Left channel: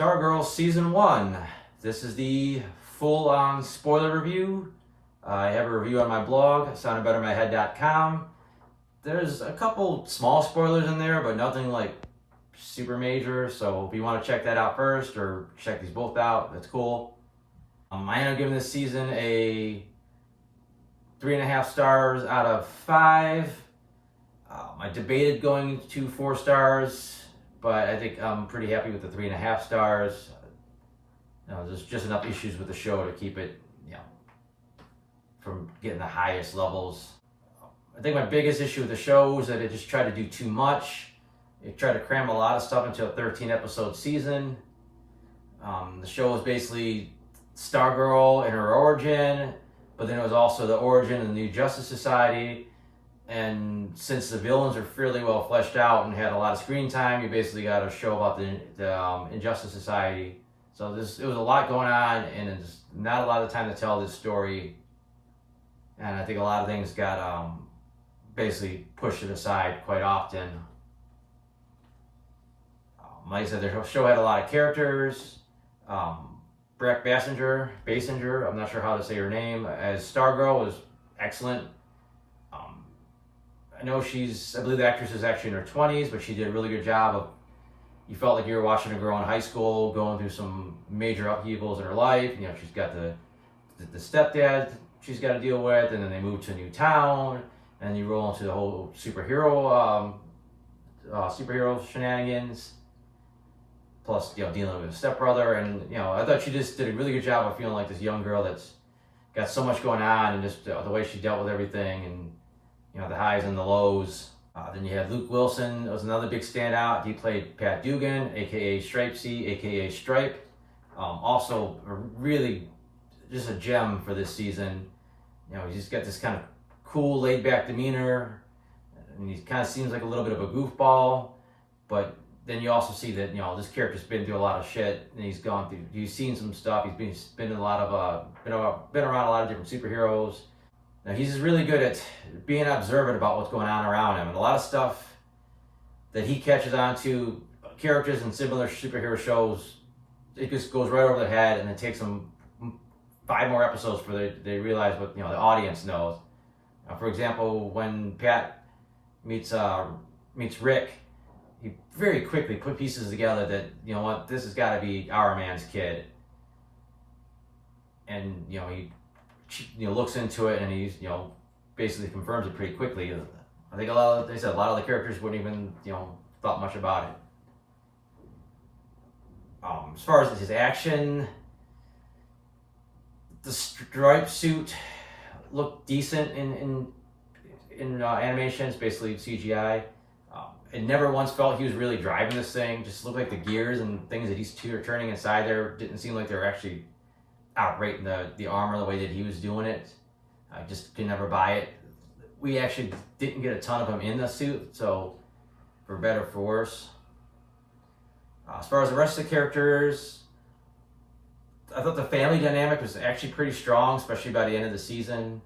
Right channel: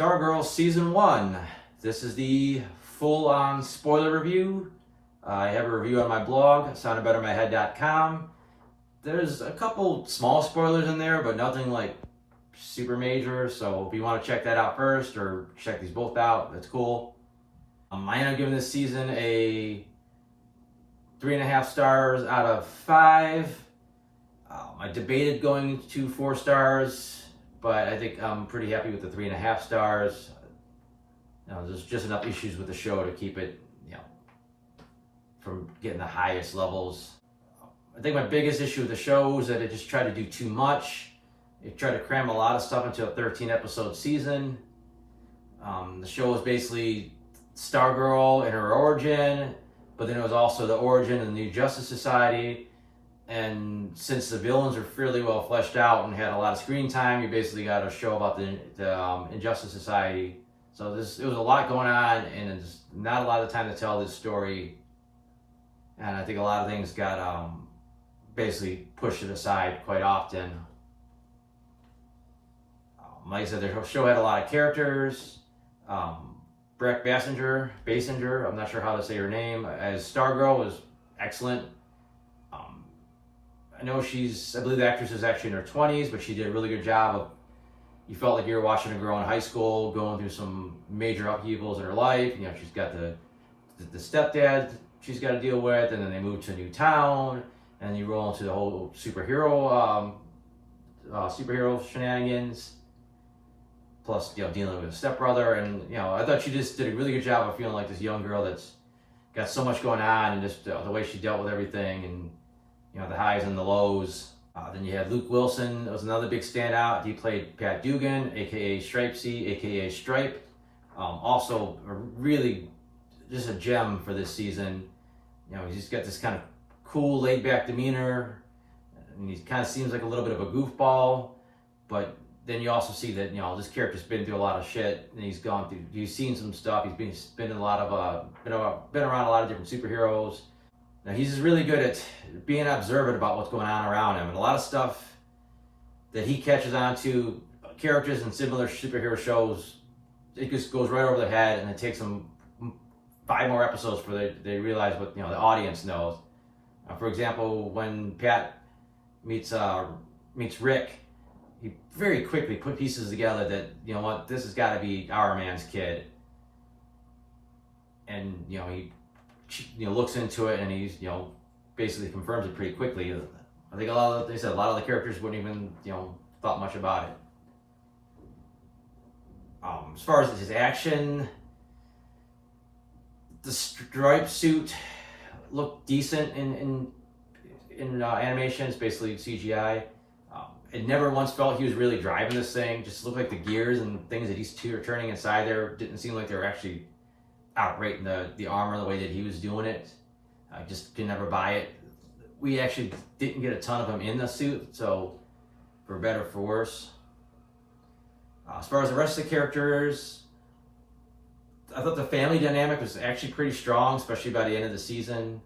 Stargirl Season 1. This is the full-on spoiler review. I have a review on my blog, soundedbettermyhead.com. There's a couple small spoilers in there, but nothing like super major. So if you want to check that out first or check these both out, that's cool. I ended up giving this season a 3.5 stars out of 5. I debated going to 4 stars, but I think I'm pretty happy with the 3.5 stars. There's just enough issues with the show to keep it, from getting the highest levels. I think my biggest issue with the show is that it just tried to do too much. It tried to cram a lot of stuff into a 13-episode season. The show was basically Stargirl and her origin, but then it was also the origin of the New Justice Society. And since the villains are fairly well fleshed out and had a lot of screen time, you basically got a show about the Injustice Society. So it was a lot going on, and there's not a lot of time to tell this story. And I think a lot of things got basically pushed to the side quite often. Like I said, the show had a lot of characters. Brec Basinger, I'm not sure how to say her name, as Stargirl was excellent. I know I believe the actress is actually in her 20s, but she did a really good job of, you felt like you were watching a girl in high school going through some major upheavals in her life. She's got the stepdad she's got to deal with, and then they move to a new town, and you roll into the whole superhero shenanigans. Plus, dealing with a stepbrother, and I thought she just did a really good job of feeling like this young girl that's got so much going on, and just the way she dealt with everything, and the highs and the lows. Then you had Luke Wilson, that was another big standout. He played Pat Dugan, aka Stripesy, aka Stripe. Also, really just a gem for this season. He's just got this kind of cool, laid-back demeanor, and he kind of seems like a little bit of a goofball, but then you also see that this character's been through a lot of shit, and he's seen some stuff. He's been in a lot of been around a lot of different superheroes. Now he's just really good at being observant about what's going on around him, and a lot of stuff that he catches on to characters in similar superhero shows, it just goes right over the head, and it takes them 5 more episodes for they realize what the audience knows. For example, when Pat meets Rick, he very quickly put pieces together that, this has got to be our man's kid. And, he looks into it, and he's, basically confirms it pretty quickly. I think a lot of the characters wouldn't even, thought much about it. As far as his action, the Stripe suit looked decent in animation. It's basically CGI. It never once felt he was really driving this thing. Just looked like the gears and things that he's turning inside there didn't seem like they were actually outrating the armor the way that he was doing it. I just could never buy it. We actually didn't get a ton of him in the suit, so for better or for worse. As far as the rest of the characters, I thought the family dynamic was actually pretty strong, especially by the end of the season.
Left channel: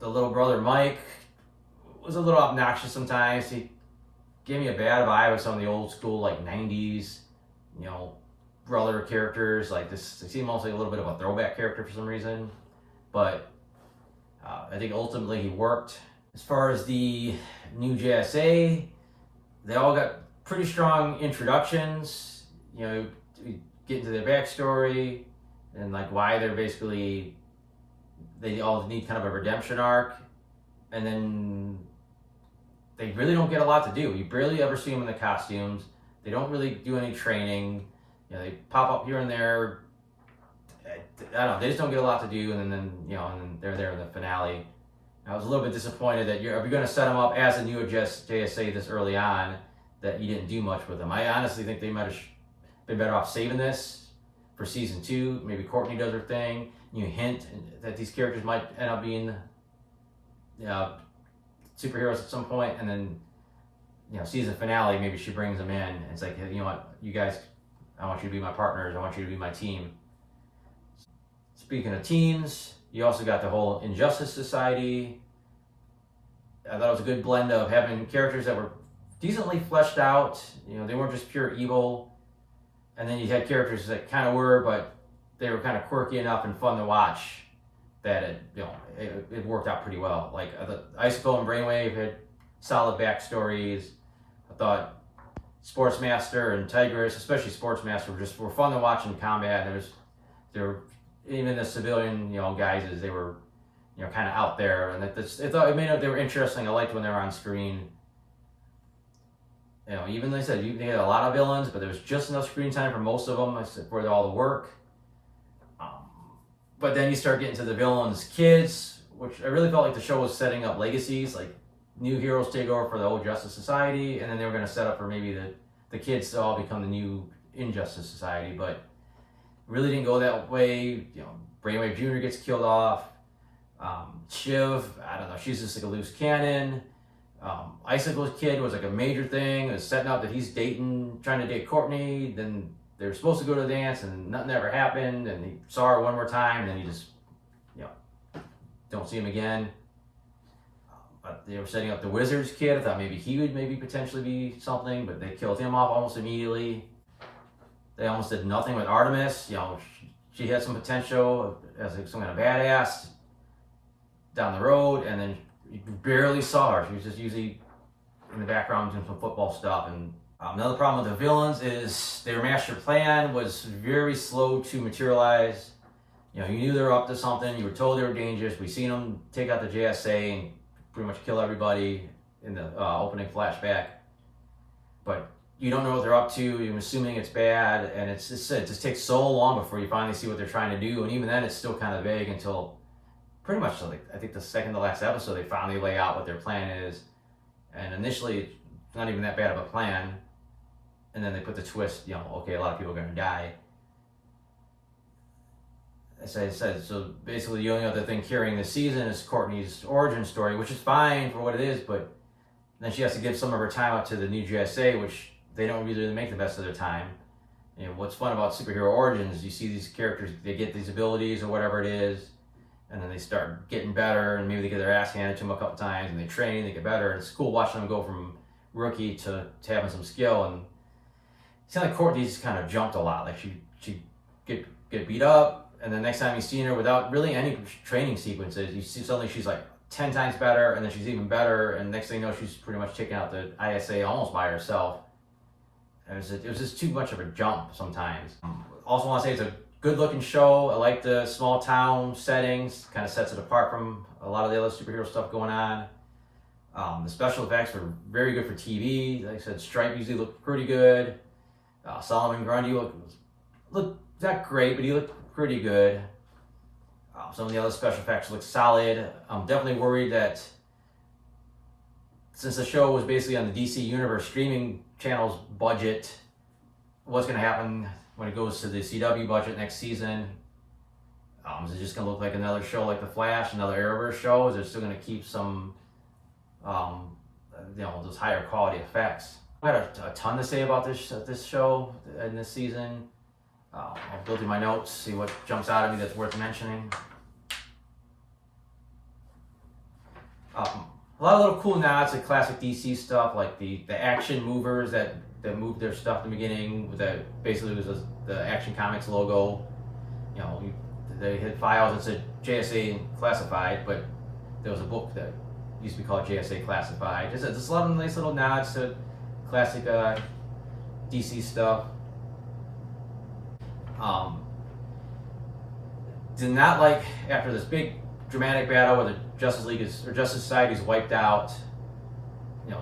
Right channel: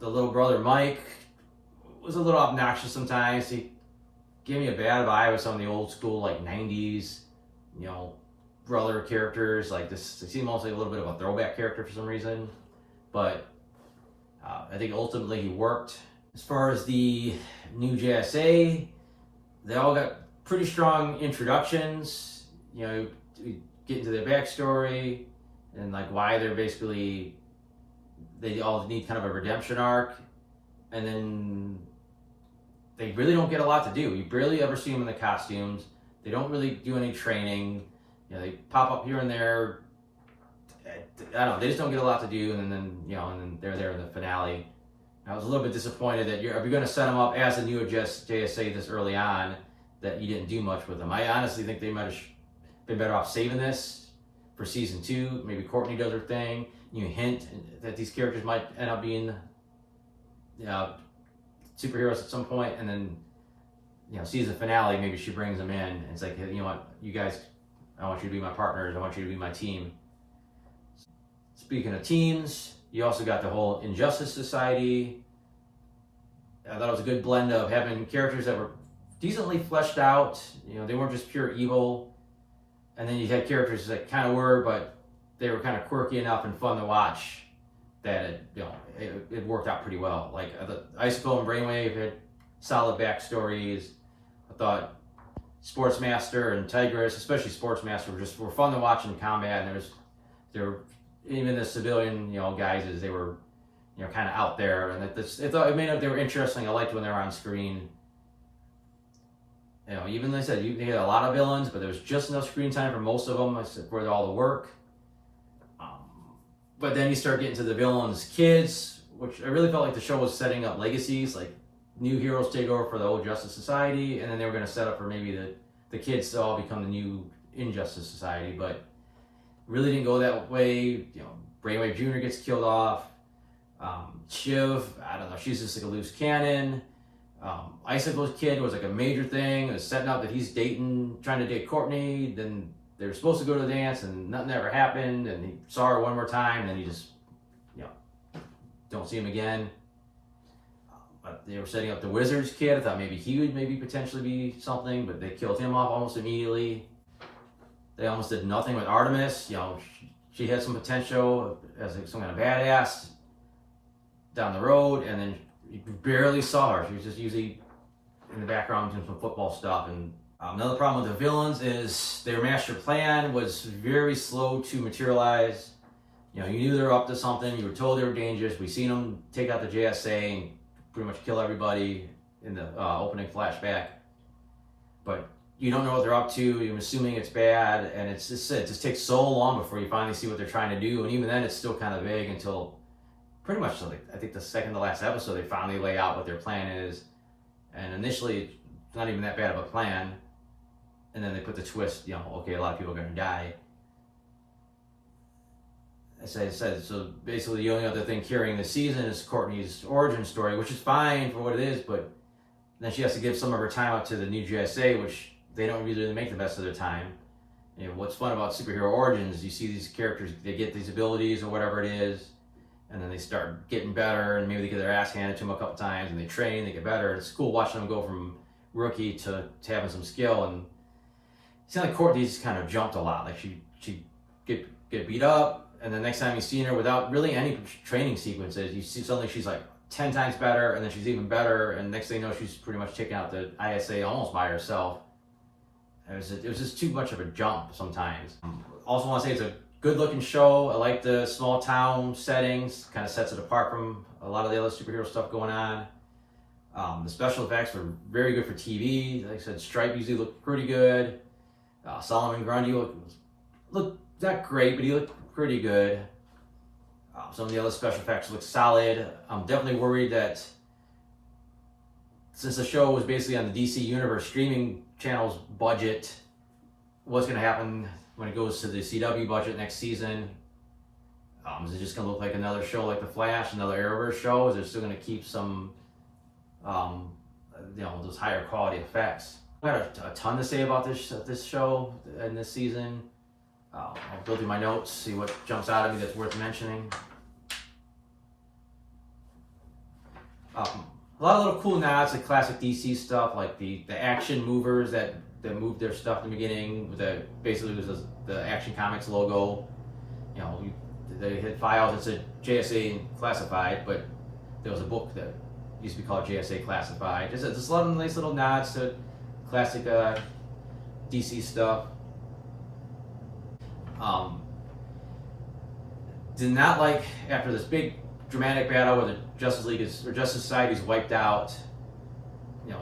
The little brother Mike was a little obnoxious sometimes. He gave me a bad vibe with some of the old school, like 90s, brother characters. Like this, it seemed almost like a little bit of a throwback character for some reason. But I think ultimately he worked. As far as the new JSA, they all got pretty strong introductions. You get into their backstory and like why they all need kind of a redemption arc, and then they really don't get a lot to do. You barely ever see them in the costumes. They don't really do any training. They pop up here and there. I don't know. They just don't get a lot to do, and then they're there in the finale. I was a little bit disappointed that if you're going to set them up as a new JSA this early on, that you didn't do much with them. I honestly think they might have been better off saving this for season 2. Maybe Courtney does her thing. You hint that these characters might end up being superheroes at some point, and then season finale, maybe she brings them in, and it's like, you know what, you guys, I want you to be my partners, I want you to be my team. Speaking of teams, you also got the whole Injustice Society. I thought it was a good blend of having characters that were decently fleshed out. You know, they weren't just pure evil. And then you had characters that kind of were, but they were kind of quirky enough and fun to watch that it worked out pretty well. Like the Icicle and Brainwave had solid backstories. I thought Sportsmaster and Tigress, especially Sportsmaster, were fun to watch in combat. And there were even the civilian guys, they were kind of out there, and it made it, they were interesting. I liked when they were on screen. Even like I said, you had a lot of villains, but there was just enough screen time for most of them for all the work. But then you start getting to the villains' kids, which I really felt like the show was setting up legacies, like new heroes take over for the old Justice Society, and then they were going to set up for maybe the kids to all become the new Injustice Society, but really didn't go that way. Brainwave Jr. gets killed off. Shiv, I don't know, she's just like a loose cannon. Icicle's kid was like a major thing. It was setting up that he's trying to date Courtney. Then they were supposed to go to the dance and nothing ever happened. And he saw her one more time, and then he just, don't see him again. But they were setting up the Wizard's kid. I thought maybe he would potentially be something, but they killed him off almost immediately. They almost did nothing with Artemis. She had some potential as some kind of badass down the road, and then you barely saw her. She was just usually in the background doing some football stuff. And another problem with the villains is their master plan was very slow to materialize. You knew they were up to something. You were told they were dangerous. We seen them take out the JSA and pretty much kill everybody in the opening flashback. But you don't know what they're up to. You're assuming it's bad, and it just takes so long before you finally see what they're trying to do. And even then, it's still kind of vague until pretty much, I think, the second to last episode, they finally lay out what their plan is. And initially, it's not even that bad of a plan. And then they put the twist, okay, a lot of people are going to die. As I said, so basically the only other thing carrying the season is Courtney's origin story, which is fine for what it is, but then she has to give some of her time up to the new GSA, which they don't really make the best of their time. What's fun about superhero origins, you see these characters, they get these abilities or whatever it is, and then they start getting better, and maybe they get their ass handed to them a couple times, and they train, they get better. It's cool watching them go from rookie to having some skill. And it seemed like Courtney's kind of jumped a lot. Like she get beat up, and the next time you see her without really any training sequences, you see suddenly she's like 10 times better, and then she's even better, and next thing you know, she's pretty much taking out the ISA almost by herself. It was just too much of a jump sometimes. Also want to say it's a good looking show. I like the small town settings, kind of sets it apart from a lot of the other superhero stuff going on. The special effects were very good for TV. Like I said, Stripe usually looked pretty good. Solomon Grundy looked not great, but he looked pretty good. Some of the other special effects look solid. I'm definitely worried that since the show was basically on the DC Universe streaming channel's budget, what's going to happen when it goes to the CW budget next season? Is it just going to look like another show like The Flash, another Arrowverse show? Is it still going to keep some, those higher quality effects? I have a ton to say about this show and this season. I'll go through my notes, see what jumps out at me that's worth mentioning. A lot of little cool nods to classic DC stuff, like the action movers that moved their stuff in the beginning. That basically was the Action Comics logo. They had files that said JSA Classified, but there was a book that used to be called JSA Classified. Just a lot of nice little nods to classic DC stuff. Did not like after this big dramatic battle where the Justice Society is wiped out.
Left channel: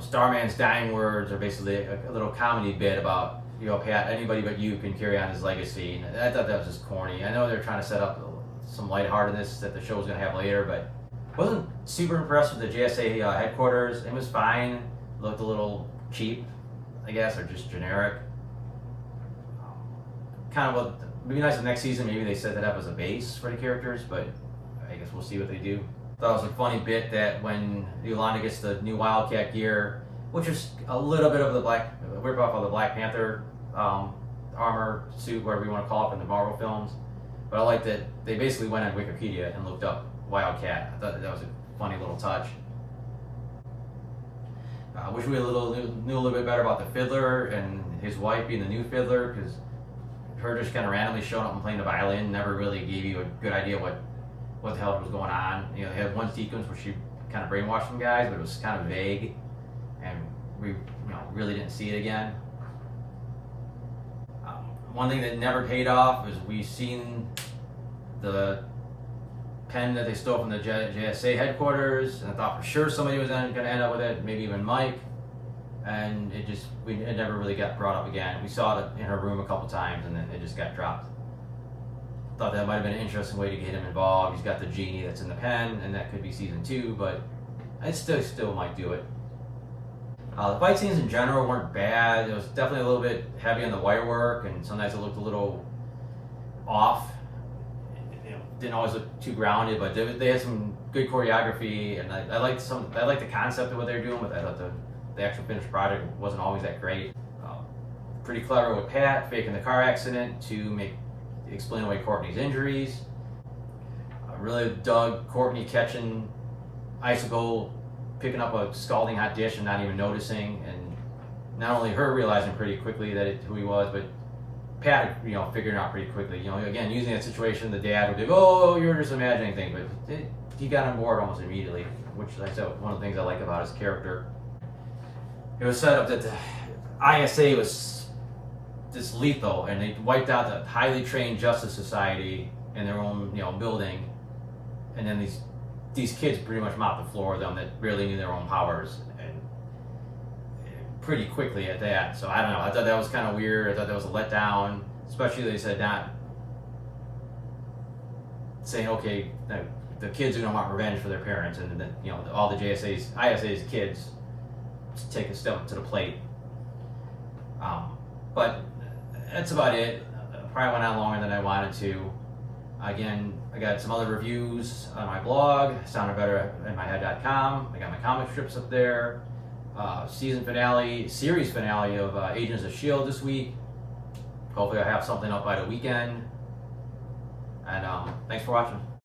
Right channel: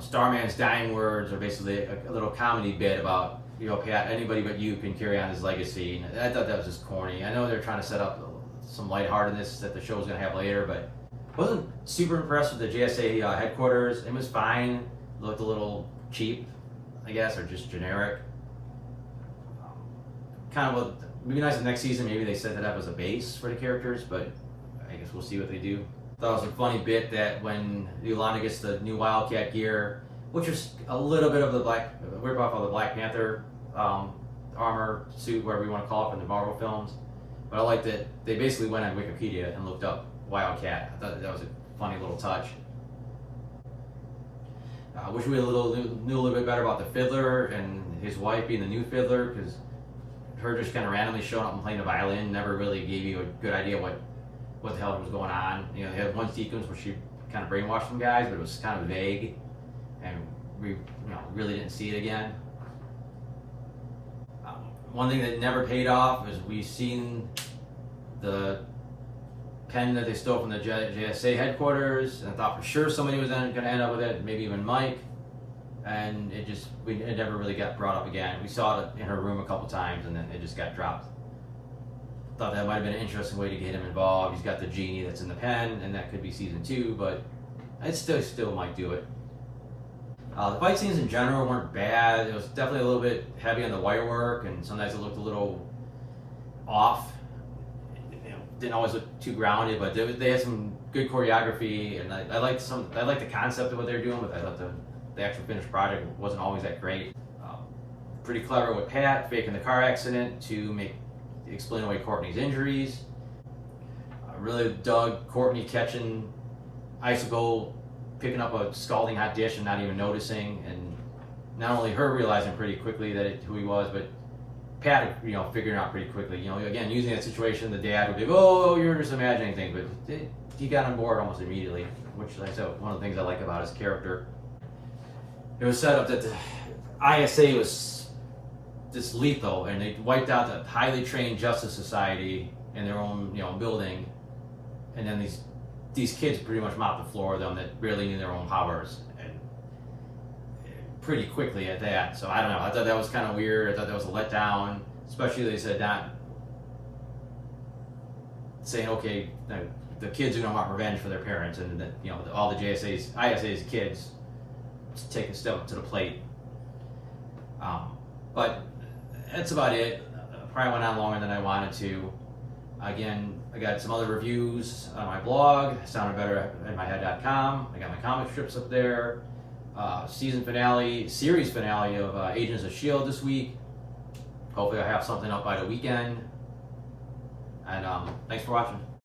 Starman's dying words are basically a little comedy bit about, Pat, anybody but you can carry on his legacy. And I thought that was just corny. I know they're trying to set up some lightheartedness that the show was going to have later, but wasn't super impressed with the JSA headquarters. It was fine. It looked a little cheap, I guess, or just generic. It'd be nice if next season maybe they set that up as a base for the characters, but I guess we'll see what they do. Thought it was a funny bit that when Yolanda gets the new Wildcat gear, which is a little bit of the rip off of the Black Panther armor suit, whatever you want to call it, from the Marvel films. But I like that they basically went on Wikipedia and looked up Wildcat. I thought that was a funny little touch. I wish we knew a little bit better about the fiddler and his wife being the new fiddler, because her just kind of randomly showing up and playing the violin never really gave you a good idea what the hell was going on. You know, they had one sequence where she kind of brainwashed some guys, but it was kind of vague, and we really didn't see it again. One thing that never paid off is we've seen the pen that they stole from the JSA headquarters, and I thought for sure somebody was going to end up with it, maybe even Mike, and it never really got brought up again. We saw it in her room a couple times, and then it just got dropped. Thought that might have been an interesting way to get him involved. He's got the genie that's in the pen, and that could be season 2, but I still might do it. The fight scenes in general weren't bad. It was definitely a little bit heavy on the wire work, and sometimes it looked a little off. Didn't always look too grounded, but they had some good choreography, and I liked the concept of what they're doing, but I thought the actual finished product wasn't always that great. Pretty clever with Pat faking the car accident to explain away Courtney's injuries. I really dug Courtney catching Icicle picking up a scalding hot dish and not even noticing, and not only her realizing pretty quickly who he was, but Pat, figuring out pretty quickly. Again, using that situation, the dad would be, "Oh, you're just imagining things," but he got on board almost immediately, which, like I said, one of the things I like about his character. It was set up that the ISA was this lethal, and they wiped out the highly trained Justice Society in their own, building, and then these kids pretty much mopped the floor of them that barely knew their own powers, and pretty quickly at that. So I don't know. I thought that was kind of weird. I thought that was a letdown, especially they said not saying, okay, the kids are going to want revenge for their parents, and then all the ISA's kids take a step to the plate. But that's about it. Probably went on longer than I wanted to. Again, I got some other reviews on my blog, soundedbetteratmyhead.com. I got my comic strips up there. Series finale of Agents of S.H.I.E.L.D. this week. Hopefully I'll have something up by the weekend. And thanks for watching.